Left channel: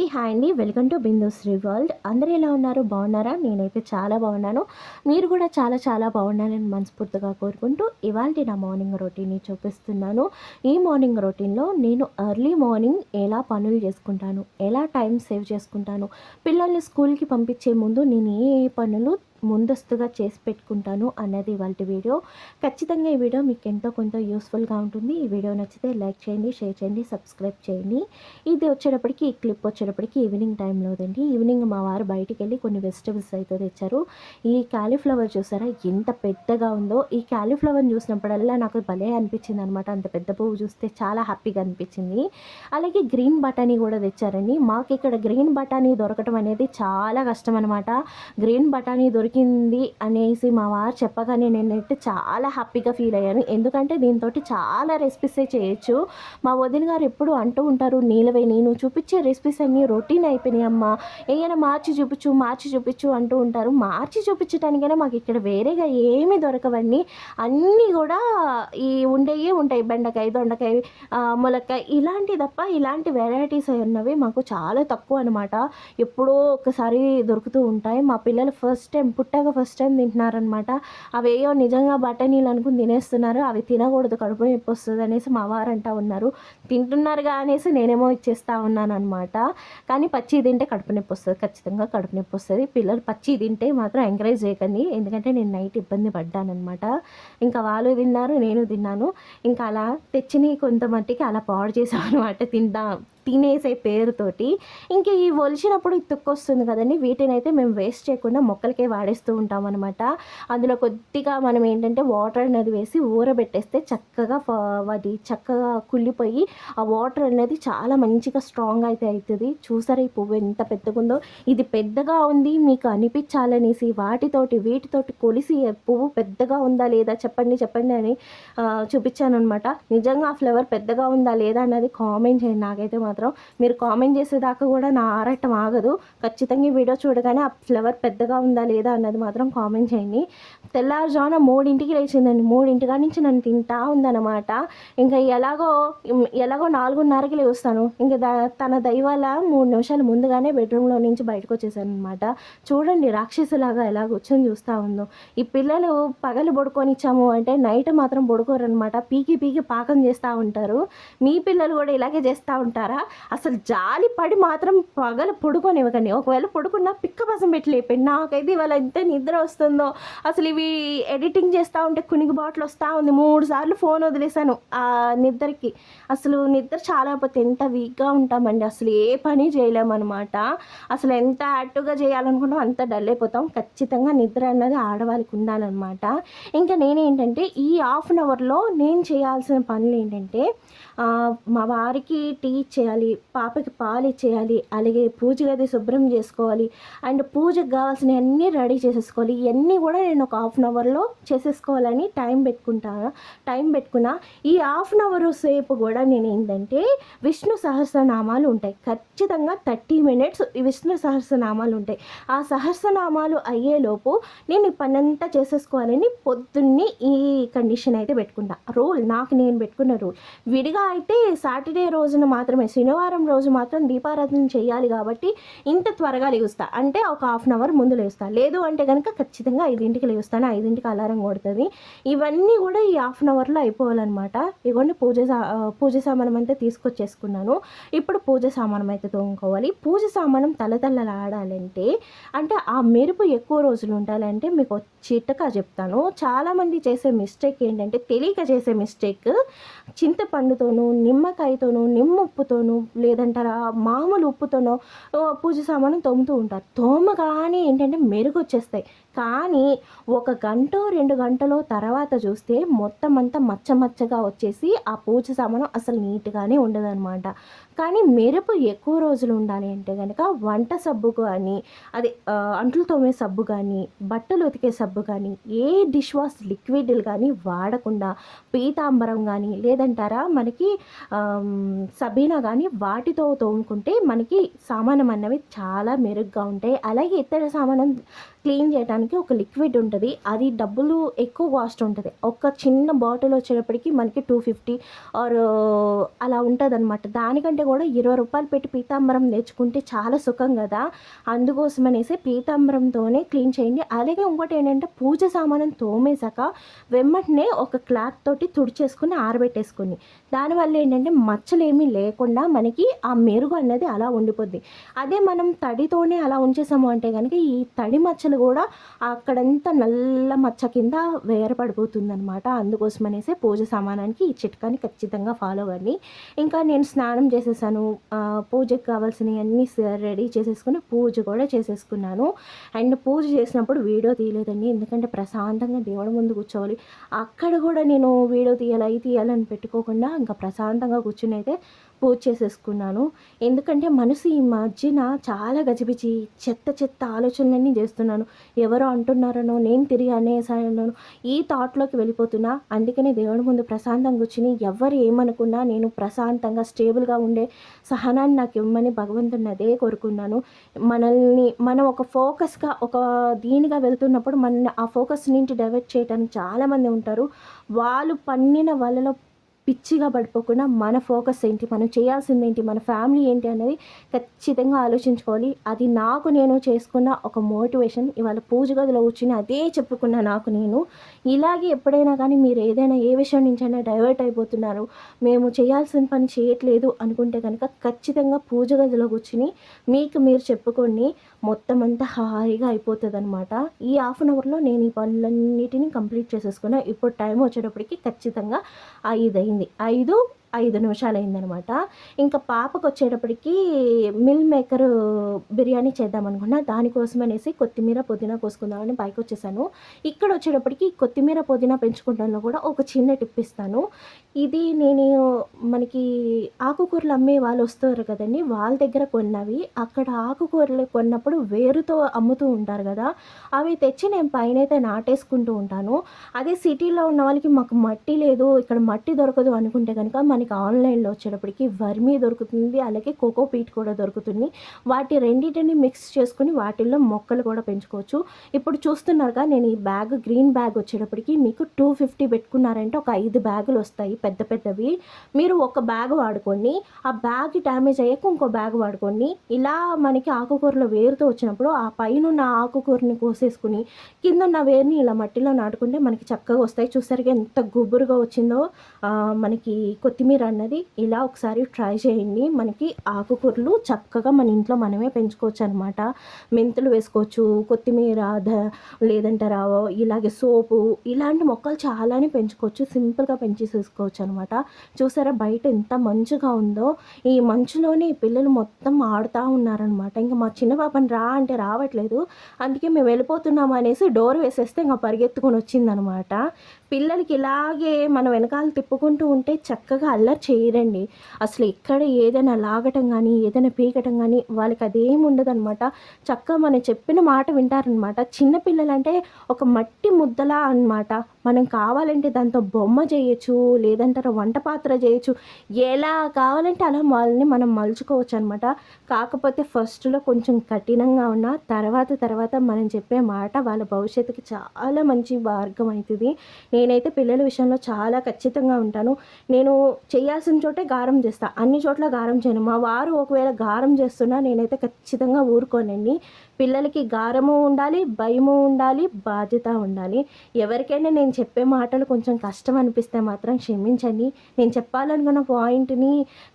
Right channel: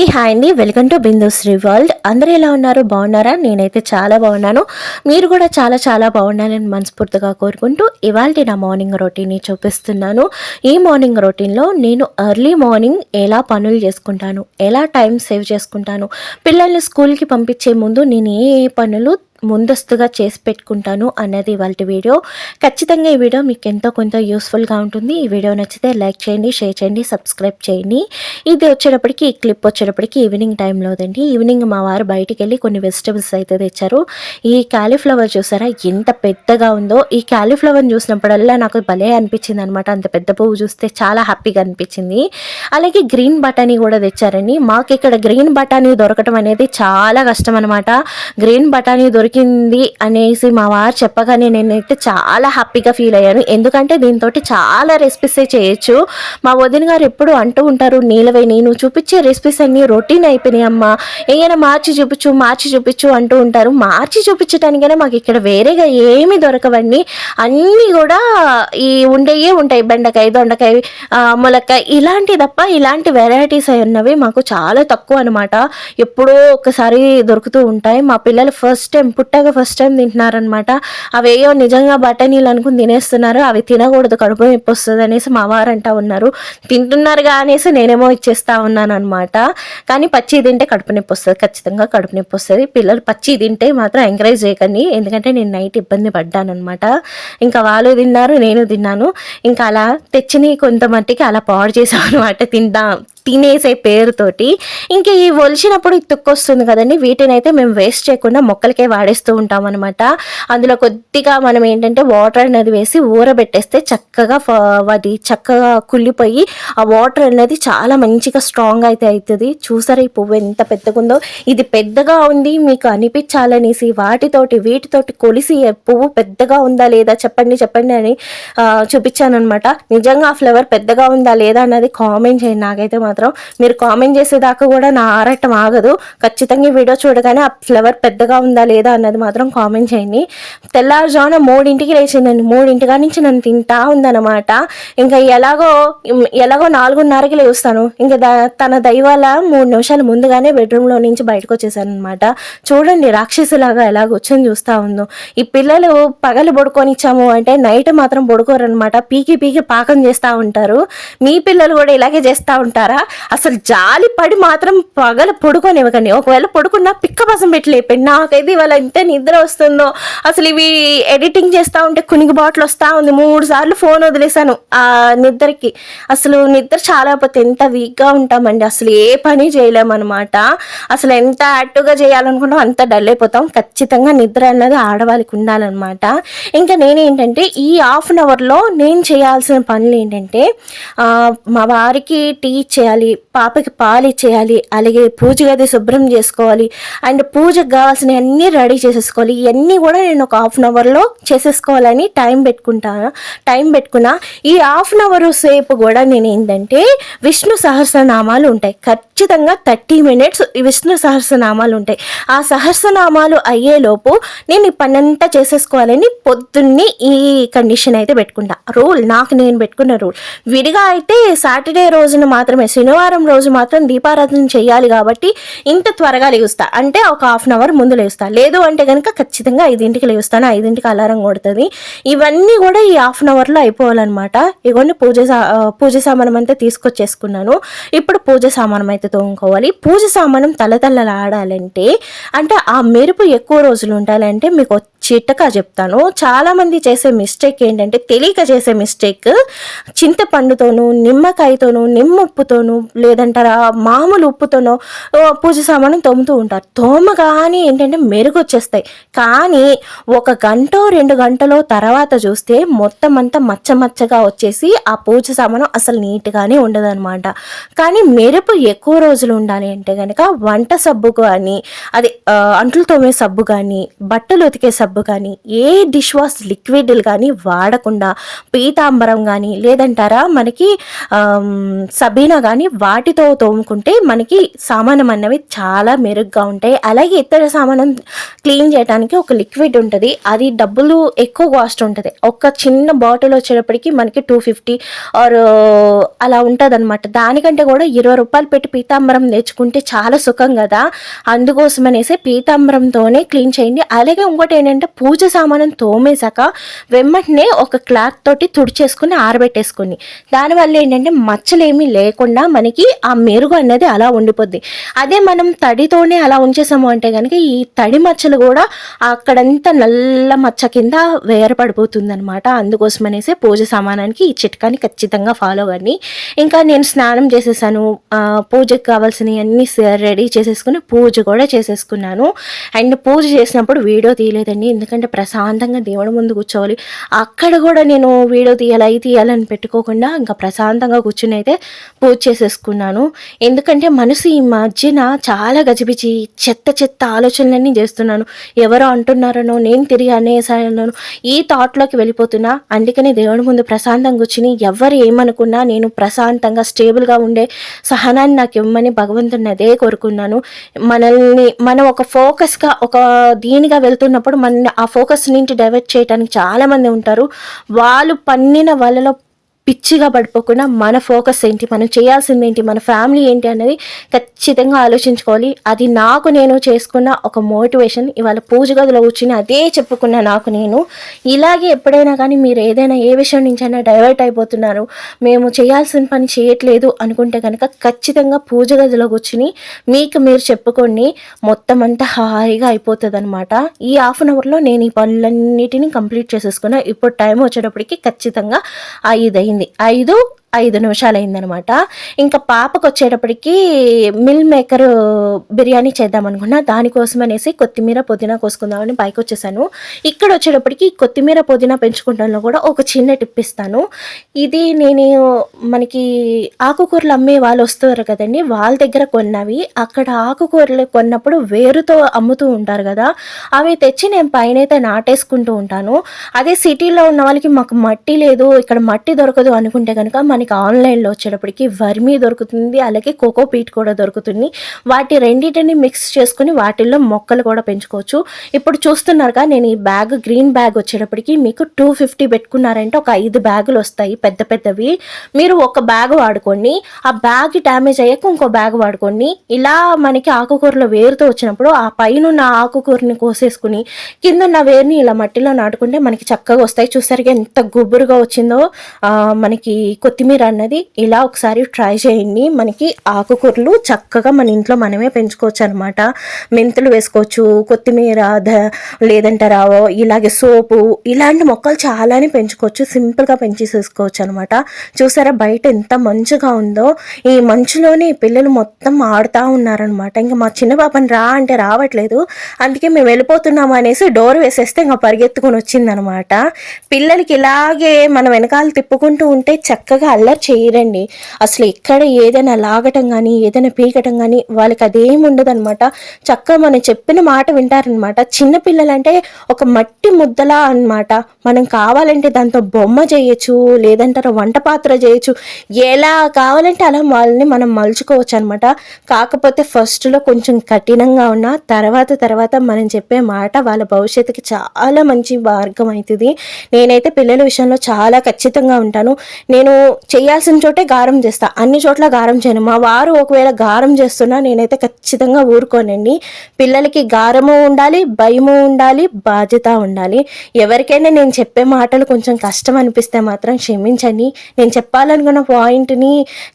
అందరికీ హాయ్ అండి. Welcome to Bindu Sri world. అందరూ ఎలా ఉన్నారు? బాగున్నారా? నేనైతే చాలా బాగున్నాను. మీరు కూడా చాలా చాలా బాగున్నారని మనస్ఫూర్తిగా కోరుకుంటూ ఇవాళ నా మార్నింగ్ రొటీన్ని చూపిస్తున్నాను. ఈ మార్నింగ్ రొటీన్లో నేను ఎర్లీ మార్నింగ్ ఎలా పనులు చేసుకుంటాను ఎలా టైం సేవ్ చేసుకుంటాను పిల్లల్ని స్కూల్కి పంపించే ముందు నేను ఏ ఏ పనులు ముందస్తుగా చేసి పెట్టుకుంటాను అన్నది వాళ్ళ వీడియో. ఖచ్చితంగా ఈ వీడియో మీకు ఎంతో కొంత యూస్ఫుల్గా ఉంటుంది. ఈ వీడియో నచ్చితే లైక్ చేయండి షేర్ చేయండి సబ్స్క్రైబ్ చేయండి. ఇది వచ్చేటప్పటికి ఈ క్లిప్ వచ్చేటప్పటికి ఈవినింగ్ టైంలోదండి ఈవినింగ్ మా వారు బయటికి వెళ్ళి కొన్ని వెజిటబుల్స్ అయితే తెచ్చారు. ఈ క్యాలీఫ్లవర్ చూసారా? ఎంత పెద్దగా ఉందో. ఈ క్యాలీఫ్లవర్ని చూసినప్పుడల్లా నాకు భలే అనిపించింది అనమాట అంత పెద్ద పువ్వు చూస్తే చాలా హ్యాపీగా అనిపించింది. అలాగే గ్రీన్ బటానీ కూడా తెచ్చారండి. మాకు ఇక్కడ గ్రీన్ బటానీ దొరకటం అనేది చాలా కష్టం అనమాట గ్రీన్ బటానీ దొరికింది అనేసి మా వారు చెప్పగానే నేనైతే చాలా హ్యాపీగా ఫీల్ అయ్యాను. ఎందుకంటే దీంతో చాలా రెసిపీస్ చేయొచ్చు. మా వదిన గారు ఎప్పుడు అంటూ ఉంటారు నీలవే నేను చూపించే రెసిపీస్ అన్నీ రొటీన్ అయిపోయినాయి అమ్మా. ఏమైనా మార్చి చూపించు మార్చి చూపించు అంటూ ఉంటారు. మార్చి చూపించడానికైనా మాకు ఇక్కడ వేరేగా ఏమి దొరకవన్నీ అన్నీ కూడా ఈ ఉండేయే ఉంటాయి. బెండకాయ దొండకాయ ములక్కాయ ఇలాంటి తప్ప ఇలాంటి వెరైటీస్ అయి ఉన్నవి మాకు చాలా తక్కువ అనమాట ఎప్పుడో ఒకసారి దొరుకుతూ ఉంటాయి. మా పిల్లలు ఫస్ట్ టైం పుట్టాక ఫస్ట్ టైం తింటున్నారనమాట అవేయో నిజంగా బఠానీలు అనుకుని తినేస్తున్నారు అవి తినకూడదు కడుపు నొప్పి వస్తుంది అనేసి మా వారంటా ఉన్నారు. తింటున్నారుగా అనేసి నేనేమో ఇచ్చేస్తా ఉన్నాను అనమాట కానీ పచ్చి తింటే కడుపు నొప్పి వస్తుంది ఖచ్చితంగా కడుపు నొప్పి వస్తుంది పిల్లలు పచ్చి తింటే మాత్రం ఎంకరేజ్ చేయకండి. ఎందుకంటే నేను నైట్ ఇబ్బంది పడ్డాను అనమాట ఇంకా వాళ్ళు తిన్నారు నేను తిన్నాను. ఇంకా అలా తెచ్చిని కొంత మట్టికి అలా పాడు చేసాం అనమాట తిందాం. తినేసే పేరుతోటి ఇంకా ఈ ఒలిచినప్పుడు తుక్కొస్తుంది కదండి వీటిని అయితే మేము వేస్ట్ చేయకుండా మొక్కలకే వాడేస్తూ ఉంటాం అనమాట అందులో కొద్దిగా మనం ఏంటంటే వాటర్ అనేది వేసి ఊరబెట్టేస్తే చక్కగా అది చక్కగా కుళ్ళిపోయి ఆ వాటర్ అనేది చాలా మంచిగా స్ట్రాంగ్ అయితే అవుతుంది చూసారా ఈ పువ్వు ఎంత పెద్దగా ఉందో ఇది పెద్దగా ఉంది మీకు అనిపించాలనేసి వాటితోటి వీటితోటి కొలిసి పువ్వు పెద్దగా ఉందా లేదా చెప్పండి చెప్పండి అని చూపించాను అనమాట నిజంగా ఆ ఫ్లవర్ పెద్దగా ఉందా లేదా అన్నది కామెంట్ చేయండి. నాకైతే మాత్రం మీరు కామెంట్ చేసేదాకా కూడా నా ఆరటం ఆగదు. ఖచ్చితంగా ఈ వీడియో చూడగానే ఆ ఫ్లవర్ పెద్దగా ఉందా లేదా అన్నది మాత్రం కామెంట్ చేయండి. తెల్లారుజామున మూడింటికి లేచిందండి. మూడింటిగా నుంచి నన్ను తింటా ఉందన్నమాట. ఇంకా ఎలాగో ఎలాగో నాలుగున్నరకి లేస్తాను. ఇంకా దా- తన దైవాల మూడు నిమిషాలు ముందుగానే బెడ్రూమ్లో నుంచి బయటకు వచ్చేసాను అనమాట చూడండి రాక్షసులాగా ఎలా కూర్చొని చూస్తా ఉందో. ఈ పిల్లలు పగలు పడుకొని ఇచ్చాము అంటే నైట్ మాత్రం పడుకోరు అనమాట పీకి పీకి పాకం చేస్తూ ఉంటారు. మీ పిల్లలు కూడా ఇలాగే చేస్తూ ఉంటారా? అసలు జాలి పడి మాత్రం పగల పడుకోనివ్వకండి. ఒకవేళ పడుకున్నా పిక్క పసం పెట్టి లేపండి. నాకైతే ఇవాళ ఎంత నిద్ర వస్తుందో. అసలు ఇవి ఎడిటింగ్ చేస్తూ ఉంటే కునిగి బాటిల్ వస్తూ ఉంది. మూడు సార్లు ఫోన్ వదిలేసాను ఆ నిద్రకి. అసలు నిద్ర చాలా పోతే ఎంత వీక్గా ఉంటామండి. అసలు ఏ పని చేయలేమన్నమాట. అసలు ఎంత యాక్టివ్గా చేయాలనుకుంటాం అంత డల్ అయిపోతాం. ఖచ్చితంగా నిద్ర అన్నది ఆడవాళ్ళకి ఉండాలన్నమాట. ఇంకా నేనేంటంటే ఈ హాఫ్ అన్ అవర్లో నేను చేయాల్సిన పనులు ఏంటంటే మా వారికి టీ చేయాలి పాపకి పాలు ఇచ్చేయాలి అలాగే పూజ గది శుభ్రం చేసుకోవాలి. అండ్ పూజకు కావాల్సిన అన్నీ రెడీ చేసేసుకోవాలి. ఇవన్నీ కూడా నేను ఒక హాఫ్ అన్ అవర్లో చేసేసుకోవాలని టైం పెట్టుకుంటాను. టైం పెట్టుకున్నా ఈ హాఫ్ అన్ అవర్ సేపు కూడా నేను ఏంటంటే విష్ణు సహస్రనామాలు ఉంటాయి. ఖచ్చితంగా థర్టీ మినిట్స్ విష్ణు సహస్రనామాలు ఉంటాయి. ఆ సహస్రనామాలు అయ్యేలోపు నేను ఈ పనంతా చేసేసుకోవాలని పొద్దున్నే ఈ కండిషన్ అయితే పెట్టుకుంటా. రూల్ నాకు నేను పెట్టుకున్న రూల్. విడిగా అయితే సాటర్డే రోజున మాత్రమే శనివారం రోజు మాత్రం దీపారాధన చేయాలి కాబట్టి ఇంత త్వరగా లేవుస్తా. అంటే ఒక హాఫ్ అన్ అవర్ ముందు లేస్తా లేదు అంటే కనుక ఖచ్చితంగా ఐదింటికి లేస్తాను ఐదింటికి అలారం కొడుతుంది. ఇవన్నీ కూడా ఈ హాఫ్ అన్ అవర్లో అయిపోవాలన్నమాట. ఇవన్నీ పూజ సా- పూజ సామానం అంతా తీసుకొచ్చేసుకున్నాను. ఇప్పుడు పూజ సామానం అయితే తోముకోవాలి. పూజ సామానం తలతల్లలాడాలంటే అంటే ఆ మెరుపు ఎక్కువ రోజులు ఉండాలంటే మీకు చిట్టకా చెప్తాను. చాలామంది చేసే మిస్టేక్ ఏంటంటే తెలియక చేసే మిస్టేక్ చింతపండుతోనూ నిమ్మకాయతోనూ నిమ్ముప్పుతోనూ లేదంటారా మామూలు ఉప్పుతోనో పూజ సామాను తోముతూ ఉంటారు. తోమగానే ఏంటంటే మెరుగు వచ్చేస్తాయి కానీ ఒక గంట రెండు గంటలో తర్వాత చూస్తే మొత్తం అంతా మచ్చ మచ్చగా వచ్చేసి ఆ పూజ సామాను అసలు నీట్గానే ఉండదన్నమాట. కానీ మెరుపు ఎక్కువ రోజులు ఉండాలి అంటే కనుక వంట సబ్బు కానీ అది అంట్లు తోమే సబ్బు కానీ బట్టలు ఉతికే సబ్బు కానీ ఏ డిష్ వాష్ లిక్విడ్లు కానీ వాడకుండా పీతాంబరం కానీ లేదంటారా? మనకి సబీనా కానీ కానీ వాటితో తోముకుంటే మనకి సామానం అన్నవి చాలా మెరుగ్గా ఉంటాయి. అలాగే ఇతర సామానం క్లీన్ చేయడానికి ఒక లిక్విడ్ ఉంటుంది. అది డబ్బులు ఎక్కువ కాస్ట్ ఉంటుంది. ఒక చిన్న బాటిల్ వచ్చేటప్పటికి మనకి టూ ఫిఫ్టీ ఆర్ అలా ఉంటుంది అనమాట దానికంటే కూడా ఇరవై రూపాయలు పెట్టి పీతాంబరం తెచ్చుకుంటే చాలా సుఖం కదా. అందుకోసం అనేసి పీతాంబరంతోనే క్లీన్ చేయండి. అలాగే ఇంకోటి ఏంటంటే పూజ సామానం తోమేశాక వెమ్మటనే ఒక క్లాత్ తోటి తుడిచేసుకుని ఆరబెట్టేసుకుని. దానివల్ల ఏంటంటే మచ్చలు ఏమీ లేకుండా మనకి ఆ మెరుగు అనేది అలా ఉండిపోద్ది. అదే మనం తడితోనే అలా ఉంచేసాము అంటే కనుక ఈ తడి మచ్చలు కూడా అక్కడంతా నల్ల మచ్చ కింద వేరపడిపోతుంది అనమాట అందుకోసం అనేసి పూజ సామానానికి ఈ చిట్కాని ఖచ్చితంగా ఫాలో అవ్వండి. ఇంకా నేను స్నానం చేసేసాను. పూజకు పూజకి కావాల్సినవి అన్నీ రెడీ చేసేసుకుని పూజ కూడా చేసేసుకున్నాను. అండ్ పూజ చేసినప్పుడు వీడియో తీయలేదండి. ఎందుకంటే ప్రశాంతంగా దేవుడి ముందు కూర్చోవాలి. అక్కడ కూడా నేను వీడియో తీయాలి అవి తీయాలని పెట్టుకోకుండా ఇంకా ప్రశాంతంగా కూర్చుని అయితే పూజ చేసేసుకున్నాను. ఎందుకంటే మనసు ఈ మధ్యన చాలా గజిబిచి చెత్త చెత్త ఆలోచనలన్నీ చేస్తున్నాను. ఎవరో అంటున్నారనో నేను తిరిగి అనేసానో ఈ థాట్లోకి వెళ్ళిపోతున్నా. అందుకనే దేవుడి ముందు ప్రశాంతంగా కూర్చుని ఎవరు ఏమనుకున్నా నేను ప్రశాంతంగా స్టేబుల్గా ఉండే సహనాన్ని నాకు ఇవ్వమని భగవంతుని అదే కోరుకున్నాను. మనల్ని మనం ఒక ఫోకస్గా ఒక దీనిగా వెళ్తున్నప్పుడు మన ఆ ఫోకస్ నుంచి డైవర్ట్ చేయడానికి చాలామంది ఉంటారు. వాళ్ళు పన్నిన వాళ్ళలో పిచ్చిగా పడిపోకుండా మన ఫోకస్ ఏంటి మనం చేయాల్సింది ఏంటి మన ఫ్యామిలీ ఏంటి అనేది ఖచ్చితంగా ఆలోచించుకోవాలి. అది నాకు నేను చేసుకున్న ఒక మోటివేషన్. ఇవాళ పూజ గదిలో కూర్చుని అదే చెప్పుకున్నా నాకు నేను. ఇలాగే ఎప్పుడైనా కానీ మీరు ఏదైనా ఏ విషయం నుంచి అయినా డైవర్ట్ అయిపోతున్నారు. మేము చేయాల్సిన పని చేయట్లేదు అనుకుంటే కనుక ఖచ్చితంగా పూజ గదిలో కూర్చుని మీకు మీరు చెప్పుకొని మొత్తం అంతా హాయిగా అయిపోతుంది అనమాట ఈ హాఫ్ అన్ అవర్లో నేను ఈ పనులన్నిటిని కంప్లీట్ చేసేసుకున్నా. ఇప్పుడు టైం వచ్చేటప్పటికి ఖచ్చితంగా ఐదు అయింది ఐదు ఐదు నిమిషాలు అయిందనమాట ఇంకా పాపకు వచ్చేటప్పటికి మిల్ మేకర్ బిర్యానీ చేద్దాం అనుకున్నా దానికోసం అనేసి కొత్తిమీర పుదీనా కోసుకుందామని పైకి వచ్చేసాను ఇక్కడ వచ్చేటప్పటికి కొత్తిమీర పుదీనా పెంచుకుంటాలో కూడా ఒక చిన్న టిప్ ఇస్తాను. ఇది నేను మనకి ఆకుకూరలు అమ్మే వాళ్ళు వస్తారు కదండి వాళ్ళ దగ్గర కొన్నవి. అక్కడ ఆకుకూరలు కొన్నప్పుడు వేరుతో అమ్ముతూ ఉంటారు కదా అవి తెచ్చి నేను పైన అయితే నాటేసుకుంటూ ఉంటాను. అదే సిటీలో ఉన్న వాళ్ళకి మాకు మట్టి లేదు ఇక్కడ మట్టి దొరకదు అనుకుంటే కనుక మనకి ఆన్లైన్లో వచ్చేటప్పటికి వర్మీ దొరుకుతుంది అలాగే కోకో పీట్ కూడా దొరుకుతుంది. వాటి రెండింటిని మిక్స్ చేసుకుని వాటిల్లో మొక్కలు కూడా పెంచుకోవచ్చు. ఇప్పుడు చూస్తున్నారుగా నేను ఈ బ్యాగ్ గ్రీన్ బ్యాగ్ వచ్చేటప్పటికి మీకు టూ ఫిఫ్టీ పెట్టుకున్నారంటే ఒక ఐదు బ్యాగులు వస్తాయి పెద్ద పెద్దవి. మీరు ఒక బ్యాగ్ వాడుకోండి ఆ బ్యాగ్ డ్యామేజ్ అయ్యాక ఇంకో బ్యాగ్ వాడుకోండి. ఇలా మనకి ఆకుకూరలో వేరుతో వచ్చినప్పుడు ఆ పైన ఉన్న ఆకుకూరని కోసేసుకుని కింద ఉన్న వేరుని ఇలా మట్టిలో నాటుకుంటే మనకి చక్కగా వస్తాయి. చూసరికి ఎంత గుబురుగా వచ్చిందో మనకి కొత్తిమీర అన్నది ఇలా ఒకసారి ట్రై చేయండి. మనకి ఆకుకూరలు చక్కగా మన ఇంట్లో మనమే పెంచుకోవచ్చు అనమాట మెంతులు వేసుకోవచ్చు కొత్తిమీర ద లేదంటే రావో ఇలాగే సోపు ఇలాంటి మొక్కలు చాలానే పెంచుకోవచ్చు. సింపుల్గా పెంచేసేసుకోవచ్చు అనమాట చూసారా బయట ఎంత మంచుగా ఉందో. ఈ మంచులోనే పిల్లలు మొత్తం ఆడుతూ ఉన్నారనమాట ఇంకా మా చిన్న పాపని రా అంటే రావట్లేదు. అందుకే మేము వెళ్ళిపోతున్నాము అనేసి డోర్ వేసేస్తే ఇంకా పరిగెత్తుకొని వచ్చిందనమాట పిల్లలకి ఇలాగే మన వెనకాల తిప్పుకుంటూ ఉంటే చక్కగా అల్లరి చేయరండి. అసలు ఎక్కడ ఏదైనా లాగటం కానీ ఏదైనా పీకటం కానీ వాళ్ళకి అదేం ఉండదు అనమాట చక్కగా మనం చెప్పిన మాట వింటారనమాట చిన్నపిల్లలంటే ఒక మట్టి ముద్దలా అన్నమాట. మనం కావాలంటే దాంతో బొమ్మ చేయొచ్చు లేదంటారా వంట పాత్ర చేయొచ్చు. ఎలా కావాలంటే అలా వాళ్ళని మనం మలుచుకోవచ్చు అనమాట కాకపోతే ఫస్ట్లో కొంచెం కఠినంగా ఉన్న తర్వాత తర్వాత మనం చెప్పే మాట వాళ్ళ భవిష్యత్తుకి చాలా మంచి మార్గం అవుతుంది. నేనైతే పిల్లల విషయంలో చాలా ఖచ్చితంగా ఉంటాను. నేను చేయాల్సిన చోటే గారం చేస్తా. అన్ని చోట్ల గారం చేయను. మా వారు ఒకవేళ గారం చేస్తున్నా నేనైతే ఖచ్చితంగా ఊరుకోనండి పిల్లలకి గారము ఉండాలి భయము ఉండాలి బాధ్యత ఉండాలి. ఎవరికైనా నేను చెప్పే మాటలు కొంచెం కష్టం అనిపిస్తే మాత్రం క్షమించండి. నేను చెప్పాలనుకున్న పాయింట్ని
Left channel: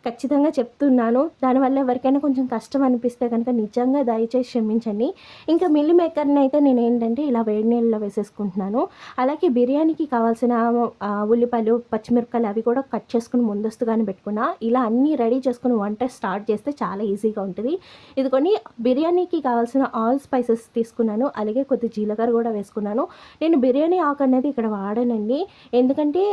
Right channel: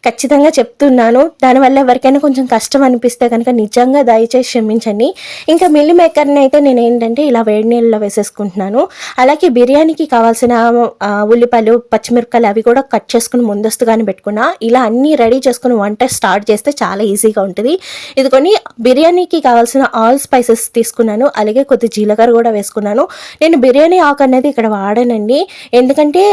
ఖచ్చితంగా చెప్తున్నాను. దానివల్ల ఎవరికైనా కొంచెం కష్టం అనిపిస్తే కనుక నిజంగా దయచేసి క్షమించండి. ఇంకా మిల్లి మేకర్ని అయితే నేను ఏంటంటే ఇలా వేడి నీళ్ళలో వేసేసుకుంటున్నాను. అలాగే బిర్యానీకి కావాల్సిన ఉల్లిపాయలు పచ్చిమిరపకాయలు అవి కూడా కట్ చేసుకుని ముందస్తుగానే పెట్టుకున్నా. ఇలా అన్నీ రెడీ చేసుకుని వంట స్టార్ట్ చేస్తే చాలా ఈజీగా ఉంటుంది. ఇదికొని బిర్యానీకి కావాల్సిన ఆల్ స్పైసెస్ తీసుకున్నాను. అలాగే కొద్ది జీలకర్ర కూడా వేసుకున్నాను. నేను బిర్యానీ ఆకు అనేది ఇక్కడ వాడానండి. ఎందుకంటే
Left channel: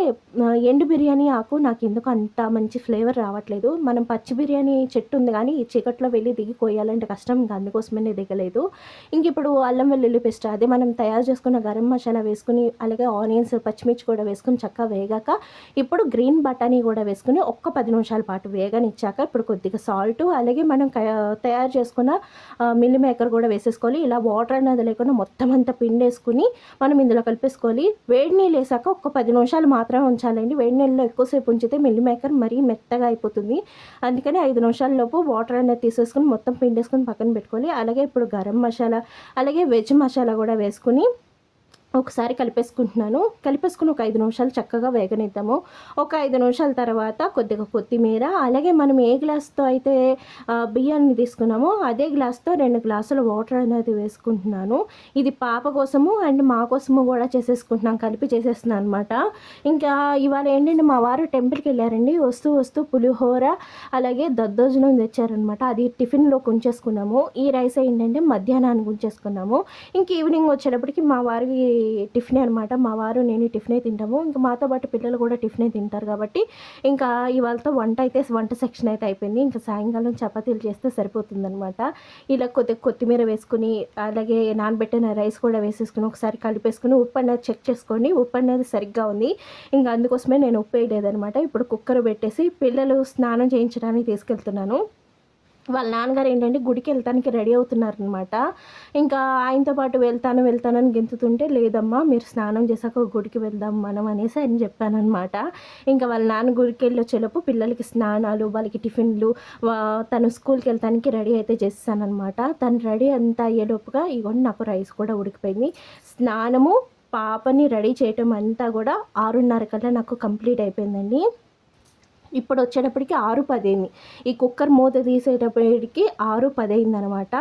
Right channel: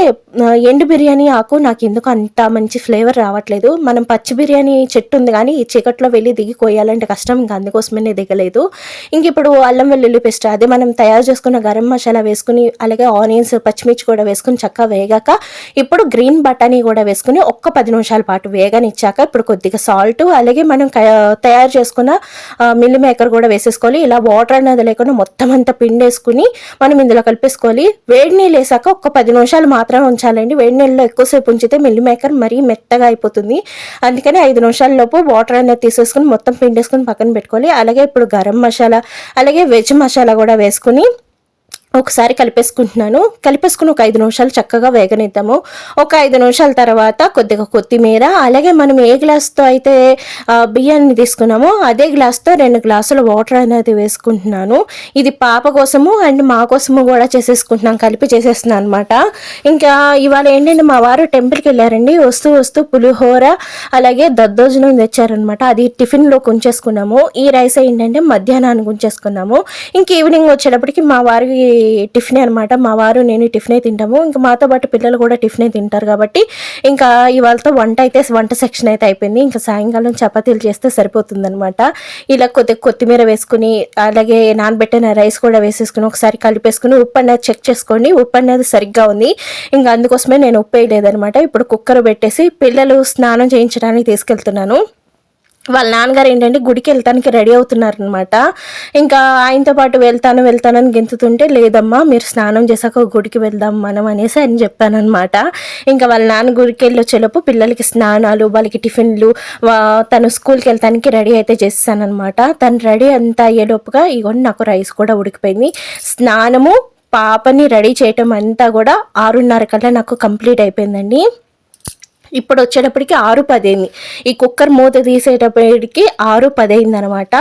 ఎండు బిర్యానీ ఆకు నాకు ఎందుకు అంత మంచి ఫ్లేవర్ రావట్లేదు. మనం పచ్చి బిర్యానీ చెట్టు ఉంది కానీ ఈ చీకట్లో వెళ్ళి దిగి కోయాలంటే కష్టం. ఇంకా అందుకోసమే నేను దిగలేదు. ఇంక ఇప్పుడు అల్లం వెల్లుల్లి పేస్ట్ అదే మనం తయారు చేసుకున్న గరం మసాలా వేసుకుని అలాగే ఆనియన్స్ పచ్చిమిర్చి కూడా వేసుకుని చక్కగా వేగాక ఇప్పుడు గ్రీన్ బఠానీ కూడా కూడా వేసుకుని ఒక్క పది నిమిషాల పాటు వేగనిచ్చాక ఇప్పుడు కొద్దిగా సాల్ట్ అలాగే మనం తయారు చేసుకున్న మిల్లి మేకర్ కూడా వేసేసుకోవాలి. ఇలా వాటర్ అనేది లేకుండా మొత్తం అంతా పిండేసుకుని మనం ఇందులో కలిపేసుకోవాలి. వేడి నీళ్ళు వేసాక ఒక్క పది నిమిషాలు మాత్రమే ఉంచాలండి. వేడి నీళ్ళలో ఎక్కువసేపు ఉంచితే మిల్లి మేకర్ మరీ మెత్తగా అయిపోతుంది. అందుకని ఐదు నిమిషాల లోపు వాటర్ అనేది తీసేసుకుని మొత్తం పిండేసుకుని పక్కన పెట్టుకోవాలి. అలాగే ఇప్పుడు గరం మసాలా అలాగే వెజ్ మసాలా కూడా వేసుకుని ఒకసారి కలిపేసుకుంటున్నాను. కలిపేసుకుని ఒక ఐదు నిమిషాలు చక్కగా వేగనిద్దాము. ఒక ఐదు నిమిషాల తర్వాత కొద్దిగా కొత్తిమీర అలాగే మనం ఏ గ్లాస్తో అయితే బియ్యాన్ని తీసుకున్నామో అదే గ్లాస్తో రెండు గ్లాసుల వాటర్ అనేది వేసుకుంటున్నాను. ఇది పాప కోసము అండ్ మా కోసము కూడా చేసేసుకుంటున్నాం కలిపి చేసేస్తున్నాను అనమాట ఇంకా ఇవాళ ఏంటంటే మా వారు టెంపుల్కి వెళ్ళారండి. వస్తూ వస్తూ పులిహోర అలాగే దద్దోజనం తెచ్చారనమాట అది టిఫిన్లో కొంచేసుకున్నాము. ఈ రైస్ ఏంటంటే మధ్యాహ్నానికి ఉంచేసుకున్నాము ఇంక ఈవినింగ్ వచ్చేటప్పటికి మా వారికి టిఫిన్ అనమాట మా వారు నేను టిఫినే తింటాము. ఇంకా మాతో పాటు పిల్లలు కూడా టిఫినే తింటారు కాబట్టి ఇంకా ఇవాళతో వంట అయితే వంట సెక్షన్ అయితే అయిపోయింది. ఇంకా సాయంకాలం చపాతీలు చేస్తే సరిపోతుందనమాట ఇలా కొద్దిగా కొత్తిమీర వేసుకుని అలాగే నానబెట్టిన రైస్ కూడా వేసేసుకుని ఒకసారి కలిపేసుకుని ఉప్పు అనేది చెక్ చేసుకోండి ఉప్పు అనేది సరిగ్గా ఉంది. ఇంకా అందుకోసమే నేను ఉప్పు వేయలేదనమాట ఇప్పుడు కుక్కర్ పెట్టేసి పిల్లలు స్నానం చేయించడానికి తీసుకెళ్తున్నాను. వాళ్ళ నాన్నగారు ఏంటంటే గుడికి వెళ్తానికి రెడీ అవుతున్నారనమాట ఇంకా ఆయనతో పాటు వెళ్తాను వెళ్తానని గెంతుతుంటే లేదమ్మా మీరు స్నానం చేశాక గుడికి వెళ్దాం మనం అనేసి అని చెప్పానమాట ఇంకా వాళ్ళ నాన్న గుడికి వెళ్ళొచ్చేలోపు పిల్లలకి స్నానాలు వాళ్ళకి టిఫిన్లు వా- తను స్కూల్కి వెళ్తానికి రెడీ అయితే చేస్తానమాట తను రెడీ అంతా అయ్యేలోపుగా ఇగోండి నాకు రైస్ కూడా ఉడికిపోయింది. స్నానము పాపని రెడీ చేయటం అంతా కూడా ఆరున్నర కల్లా నాకు కంప్లీట్ అయిపోయిందండి. ఇప్పుడు వచ్చేటప్పటికి ఆరు పదైంది. ఈ కుక్కర్ మూత తీసేటప్పటికి ఆరు పదైంది అనమాట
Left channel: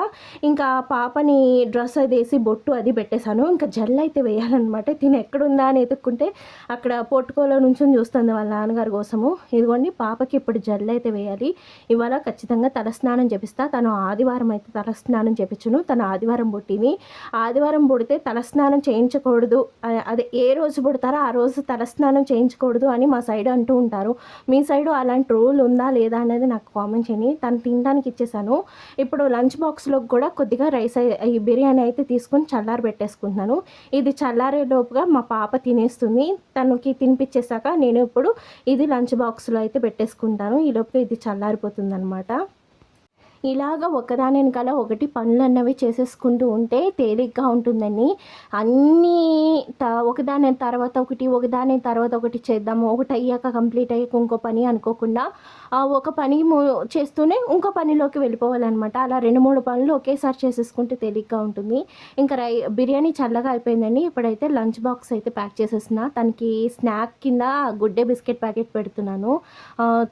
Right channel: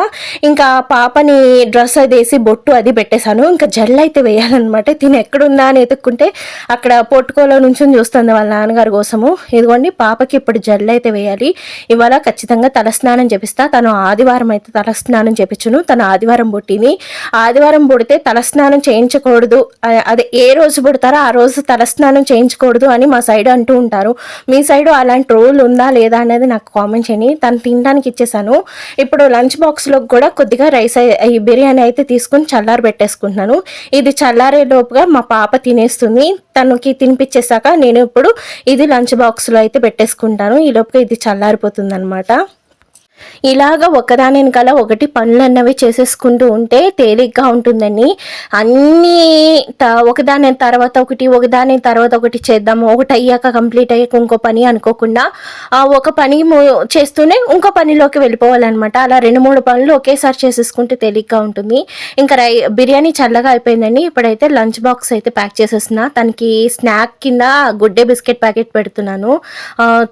ఇంకా పాపని డ్రెస్ అది వేసి బొట్టు అది పెట్టేశాను. ఇంకా జెల్ అయితే వేయాలన్నమాట. తిని ఎక్కడుందా అని ఎతుక్కుంటే అక్కడ పొట్టుకోలో నుంచి చూస్తుంది వాళ్ళ నాన్నగారి కోసము. ఇదిగోండి పాపకి ఇప్పుడు జెల్ అయితే వేయాలి. ఇవాళ ఖచ్చితంగా తలస్నానం చేపిస్తా. తను ఆదివారం అయితే తలస్నానం చేపించును. తను ఆదివారం పుట్టింది ఆదివారం పుడితే తలస్నానం చేయించకూడదు. అదే ఏ రోజు పుడతారో ఆ రోజు తలస్నానం చేయించకూడదు అని మా సైడ్ అంటూ ఉంటారు. మీ సైడ్ అలాంటి రూల్ ఉందా లేదా అనేది నాకు కామెంట్ చేయండి. తను తినడానికి ఇచ్చేసాను. ఇప్పుడు లంచ్ బాక్స్లో కూడా కొద్దిగా రైస్ ఈ బిర్యానీ అయితే తీసుకుని చల్లారి పెట్టేసుకుంటున్నాను. ఇది చల్లారే లోపుగా మా పాప తినేస్తుంది. తనకి తినిపించేసాక నేను ఇప్పుడు ఇది లంచ్ బాక్స్లో అయితే పెట్టేసుకుంటాను. ఈ లోపుగా ఇది చల్లారిపోతుంది అనమాట ఇలాగ ఒకదాని వెనకాల ఒకటి పనులు అన్నవి చేసేసుకుంటూ ఉంటే తేలిగ్గా ఉంటుందని అన్నీ త ఒకదాని తర్వాత ఒకటి ఒకదాని తర్వాత ఒకటి చేద్దాము. ఒకటి అయ్యాక కంప్లీట్ అయ్యాక ఇంకో పని అనుకోకుండా ఆ ఒక పని చేస్తూనే ఇంకో పనిలోకి వెళ్ళిపోవాలన్నమాట. అలా రెండు మూడు పనులు ఒకేసారి చేసేసుకుంటే తేలిగ్గా ఉంటుంది. ఇంకా రై బిర్యానీ చల్లగా అయిపోయిందండి. ఇప్పుడైతే లంచ్ బాక్స్ అయితే ప్యాక్ చేసేస్తున్నా. తనకి స్నాక్ కింద గుడ్డే బిస్కెట్ ప్యాకెట్ పెడుతున్నాను.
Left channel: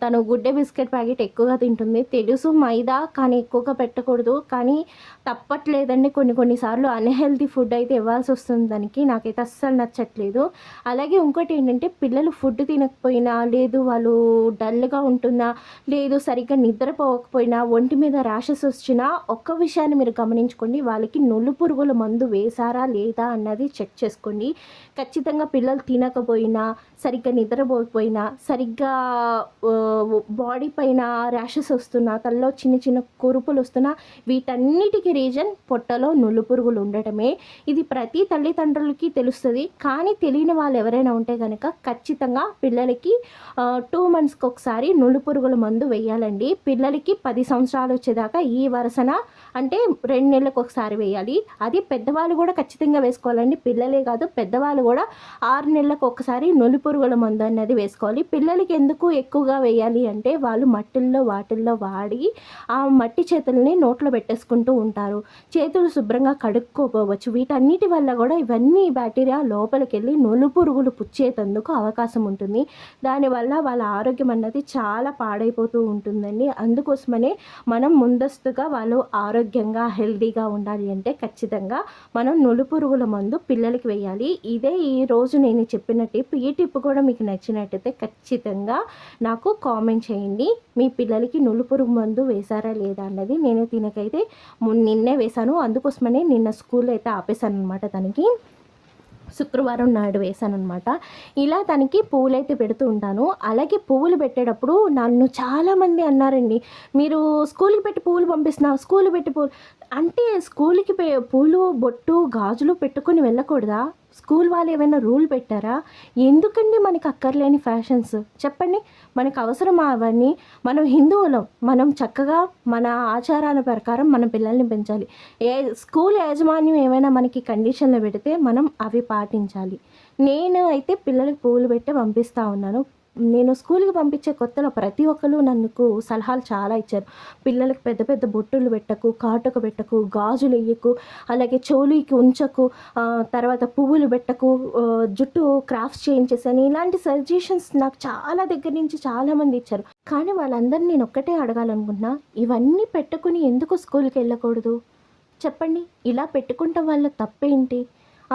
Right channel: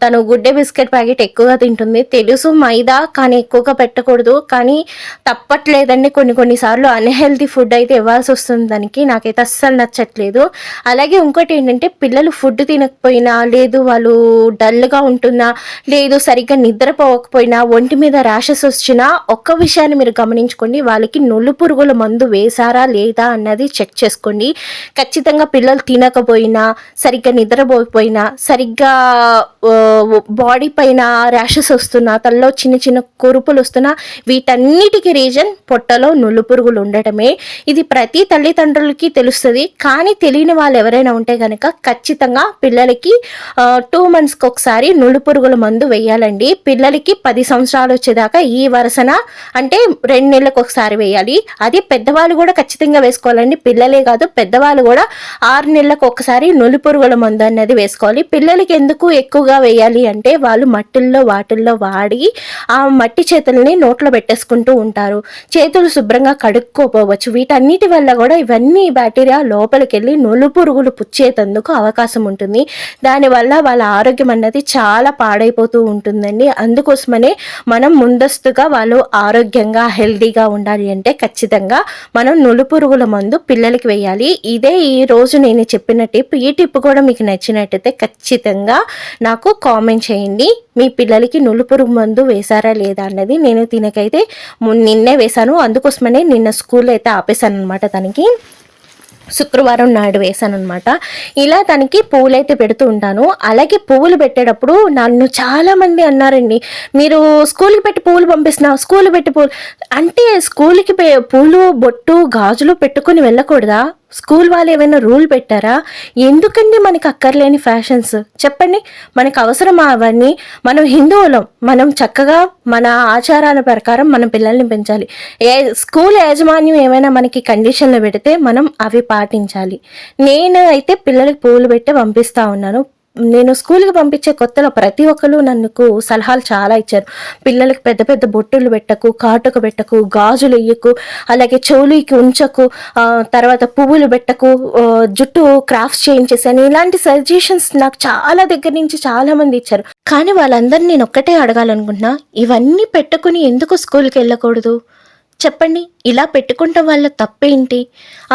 తను గుడ్డే బిస్కెట్ ప్యాకెట్ ఎక్కువగా తింటుంది. తెలుసు మైదా కానీ ఎక్కువగా పెట్టకూడదు. కానీ తప్పట్లేదండి కొన్ని కొన్నిసార్లు అన్హెల్తీ ఫుడ్ అయితే ఇవ్వాల్సి వస్తుంది దానికి. నాకైతే అస్సలు నచ్చట్లేదు. అలాగే ఇంకోటి ఏంటంటే పిల్లలు ఫుడ్ తినకపోయినా లేదు వాళ్ళు డల్గా ఉంటున్నా లేదు సరిగ్గా నిద్రపోకపోయినా ఒంటి మీద ర్యాషెస్ వచ్చినా ఒక్క విషయాన్ని మీరు గమనించుకోండి. వాళ్ళకి నులు పురుగుల మందు వేశారా లేదా అన్నది చెక్ చేసుకోండి. ఖచ్చితంగా పిల్లలు తినకపోయినా సరిగ్గా నిద్రపోకపోయినా సరిగ్గా బాడీ పైన ర్యాషెస్ వస్తున్నా తలలో చిన్న చిన్న కురుపులు వస్తున్నా వీటన్నిటికీ రీజన్ పొట్టలో నులు పురుగులు ఉండటమే. ఇది ప్రతి తల్లిదండ్రులకి తెలుస్తుంది. కానీ తెలియని వాళ్ళు ఎవరైనా ఉంటే కనుక ఖచ్చితంగా పిల్లలకి టూ మంత్స్కి ఒకసారి నులు పురుగుల మందు వేయాలండి. పిల్లలకి పది సంవత్సరాలు వచ్చేదాకా ఈ వరుసన అంటే రెండు నెలలకు ఒకసారి వేయాలి. అది పెద్దవాళ్ళు కూడా ఖచ్చితంగా వేసుకోవాలండి. పిల్లలే కాదు పెద్దవాళ్ళు కూడా ఆరు నెలలకు ఒకసారి నులి పురుగుల మందు అనేది వేసుకోవాలి. పిల్లలకి ఎందుకు ఎక్కువగా వేయాలి అంటే వాళ్ళు మట్టిల్లో వాటిల్లో వాడి ఆ ఆ మట్టి చేతుల్ని నోట్లో పెట్టేసుకుంటూ ఉంటారు. చేతులు శుభ్రంగా కడుక్కోపోవచ్చు. వీటన్నిటి వల్ల కూడా ఇవన్నీ బ్యాక్టీరియా లోపలికి వెళ్ళి నులు పురుగులు పుచ్చేటందుకు అవకాశం ఉంటుంది. దానివల్ల వాళ్ళ ఆరోగ్యం అన్నది చాలా పాడైపోతూ ఉంటుందండి. అందుకోసమనే మనం ముందస్తుగా వాళ్ళు ఆరోగ్యంగా హెల్దీగా ఉండాలి అంటే ఖచ్చితంగా మనం నులు పురుగుల మందు పిల్లలకి వేయాలి. ఇదే ఈ రోజు నేను చెప్పిన టిప్. ఈ టిప్ కూడా మీకు నచ్చినట్టయితే ఖచ్చితంగా నాకు కామెంట్ చేయండి. మీ పిల్లలకి నులు పురుగు మందు వేశారా లేదా అన్నది నేను తినకైతే నిన్నే వేశాను. అందుకోసమనే నిన్న స్కూల్ అయితే ఆపేశాను అనమాట తనకి. శుక్రవారం నాడు వేసాను అనమాట ఇలా తనకి పువ్వులైతే అయితే పెడుతూ ఉంటాను. అలాగే పువ్వులు పెట్టేటప్పుడు నన్ను చాలామంది అన్నారండి మీరు స్కూల్కి పెట్టి పువ్వులు పంపిస్తున్నావు స్కూల్ పెట్టి పువ్వులు అంటే స్కూల్కి పె- పూలు బొట్టు గాజులు పెట్టుకొని వెళ్ళకూడదా? స్కూల్ వాళ్ళు ఏమైనా రూల్ పెట్టారా? ఎందుకండి మనకి అక్కర్లేని ఫ్యాషన్స్? చెప్పండి. మనకు అవసరమా అవన్నీ. మనం హిందువులం. మనం చక్కగా మన ఆచారాల ప్రకారం మన పిల్లల్ని పెంచాలి. ఏ స్కూల్ యాజమాన్యం ఏమైనా మనకి కండిషన్లు పెడితే మనం అవి పాటించాలి. నేను అయితే పిల్లలకి పూలు పెట్టి పంపిస్తా ఉన్నాను. నేను స్కూల్కి పంపించే కొత్తలో ప్రతి ఒక్కరు నన్నుకు సలహాలు చాలా ఇచ్చారు. పిల్లలకి పెద్ద పెద్ద బొట్టులు పెట్టకు కాటుక పెట్టకు గాజులు ఇయ్యకు అలాగే చెవులికి ఉంచకు తర్వాత పువ్వులు పెట్టకు జుట్టు క్రాఫ్ట్స్ చేయించేసాను. ఇలాంటి సజెషన్స్ నాకు చాలా దగ్గర నుంచి చాలా మంది ఇచ్చారు. కానీ వాళ్ళందరినీ నేను ఒక్కటే అడగాలనుకుంటున్నా ఇవన్నీ పెట్టుకుని ఎందుకు స్కూల్కి వెళ్ళకూడదు? చెప్పండి ఇలా పెట్టుకుంటాం వల్ల తప్పేంటి?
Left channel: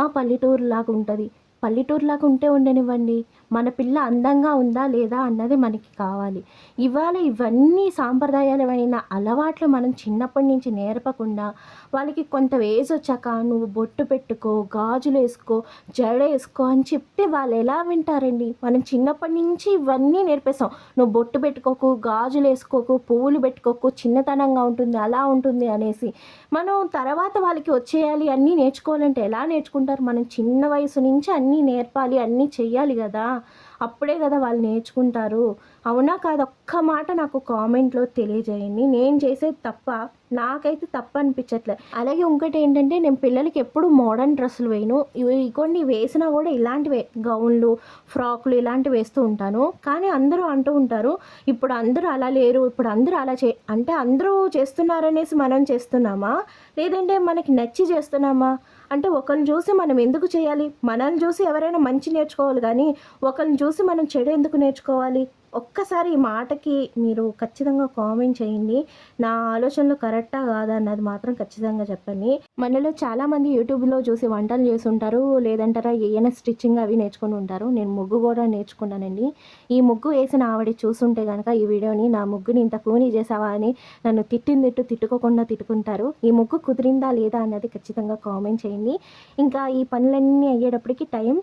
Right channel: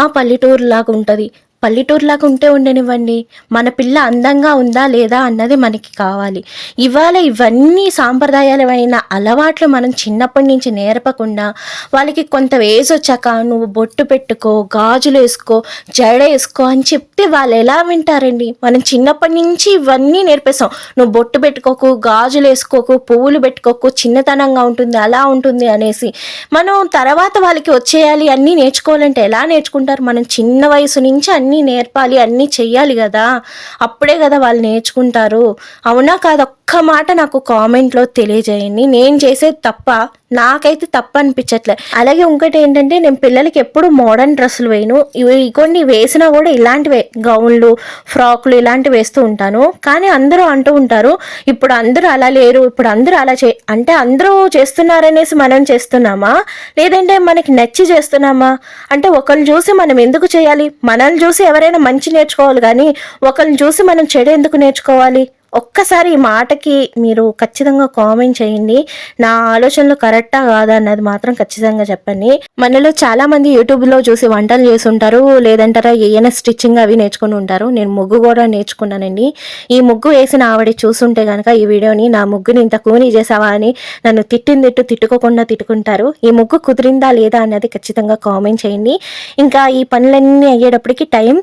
ఆ పల్లెటూరు లాగా ఉంటుంది. పల్లెటూరులాగా ఉంటే ఉండనివ్వండి. మన పిల్ల అందంగా ఉందా లేదా అన్నది మనకి కావాలి. ఇవాళ ఇవన్నీ సాంప్రదాయాలమైన అలవాట్లు మనం చిన్నప్పటి నుంచి నేర్పకుండా వాళ్ళకి కొంత ఏజ్ వచ్చాక నువ్వు బొట్టు పెట్టుకో గాజులు వేసుకో జడ వేసుకో అని చెప్తే వాళ్ళు ఎలా వింటారండి? మనం చిన్నప్పటి నుంచి ఇవన్నీ నేర్పేస్తాం నువ్వు బొట్టు పెట్టుకోకు గాజులు వేసుకోకు పువ్వులు పెట్టుకోకు చిన్నతనంగా ఉంటుంది అలా ఉంటుంది అనేసి. మనం తర్వాత వాళ్ళకి వచ్చేయాలి అన్నీ నేర్చుకోవాలంటే ఎలా నేర్చుకుంటారు? మనం చిన్న వయసు నుంచి అన్ని నేర్పాలి అన్నీ చెయ్యాలి కదా. అప్పుడే కదా వాళ్ళు నేర్చుకుంటారు. అవునా కాదు? ఒక్క మాట నాకు కామెంట్లో తెలియజేయండి. నేను చేసేది తప్ప నాకైతే తప్పు అనిపించట్లే అలాగే ఇంకోటి ఏంటంటే నేను పిల్లలకి ఎప్పుడు మోడర్న్ డ్రెస్సులు వేయను. ఇవి కొన్ని వేసినా కూడా ఇలాంటివే. గౌన్లు ఫ్రాక్లు ఇలాంటివి వేస్తూ ఉంటాను. కానీ అందరూ అంటూ ఉంటారు ఇప్పుడు అందరూ అలా లేరు ఇప్పుడు అందరూ అలా చే అంటే అందరూ చేస్తున్నారనేసి మనం చేస్తున్నామా? లేదంటే మనకి నచ్చి చేస్తున్నామా? అంటే ఒకరిని చూసి మనం ఎందుకు చేయాలి? మనల్ని చూసి ఎవరైనా మంచి నేర్చుకోవాలి కానీ ఒకరిని చూసి మనం చెడు ఎందుకు నేర్చుకోవాలి? ఒక్కసారి ఈ మాటకి మీరు ఖచ్చితంగా కామెంట్ చేయండి. నా ఆలోచనలు కరెక్టా కాదా అన్నది మాత్రం ఖచ్చితంగా చెప్పండి. మనలో చాలా మంది యూట్యూబ్లో చూసి వంటలు చేసి ఉంటారు లేదంటారా ఏమైనా స్టిచ్చింగ్ అవి నేర్చుకుని ఉంటారు. నేను ముగ్గు కూడా నేర్చుకున్నానండి. ఈ ముగ్గు వేసిన ఆవిడ చూసుంటే కనుక ఈ వీడియోని నా ముగ్గుని ఇంత కూని చేసావా అని నన్ను తిట్టింది తిట్టు తిట్టుకోకుండా తిట్టుకుంటారు. ఈ ముగ్గు కుదిరిందా లేదా అన్నది ఖచ్చితంగా కామెంట్ చేయండి. ఇంకా ఈ పనులన్నీ అయ్యేటప్పటికి టైం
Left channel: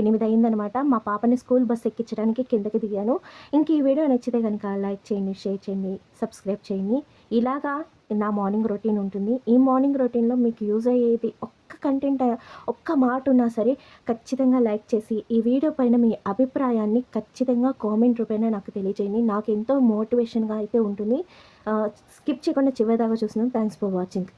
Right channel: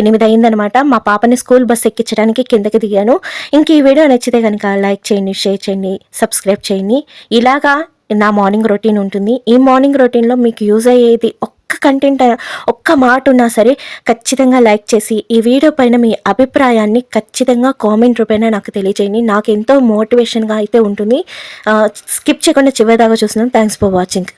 ఎనిమిది అయిందనమాట మా పాపని స్కూల్ బస్ ఎక్కించడానికి కిందకి దిగాను. ఇంక ఈ వీడియో నచ్చితే కనుక లైక్ చేయండి షేర్ చేయండి సబ్స్క్రైబ్ చేయండి. ఇలాగా నా మార్నింగ్ రొటీన్ ఉంటుంది. ఈ మార్నింగ్ రొటీన్లో మీకు యూజ్ అయ్యేది ఒక్క కంటెంట్ ఒక్క మాట ఉన్నా సరే ఖచ్చితంగా లైక్ చేసి ఈ వీడియో పైన మీ అభిప్రాయాన్ని ఖచ్చితంగా కామెంట్ రూపేణ నాకు తెలియజేయండి. నాకు ఎంతో మోటివేషన్గా అయితే ఉంటుంది. స్కిప్ చేయకుండా చివరిదాకా చూస్తున్నాను థ్యాంక్స్ ఫర్ వాచింగ్.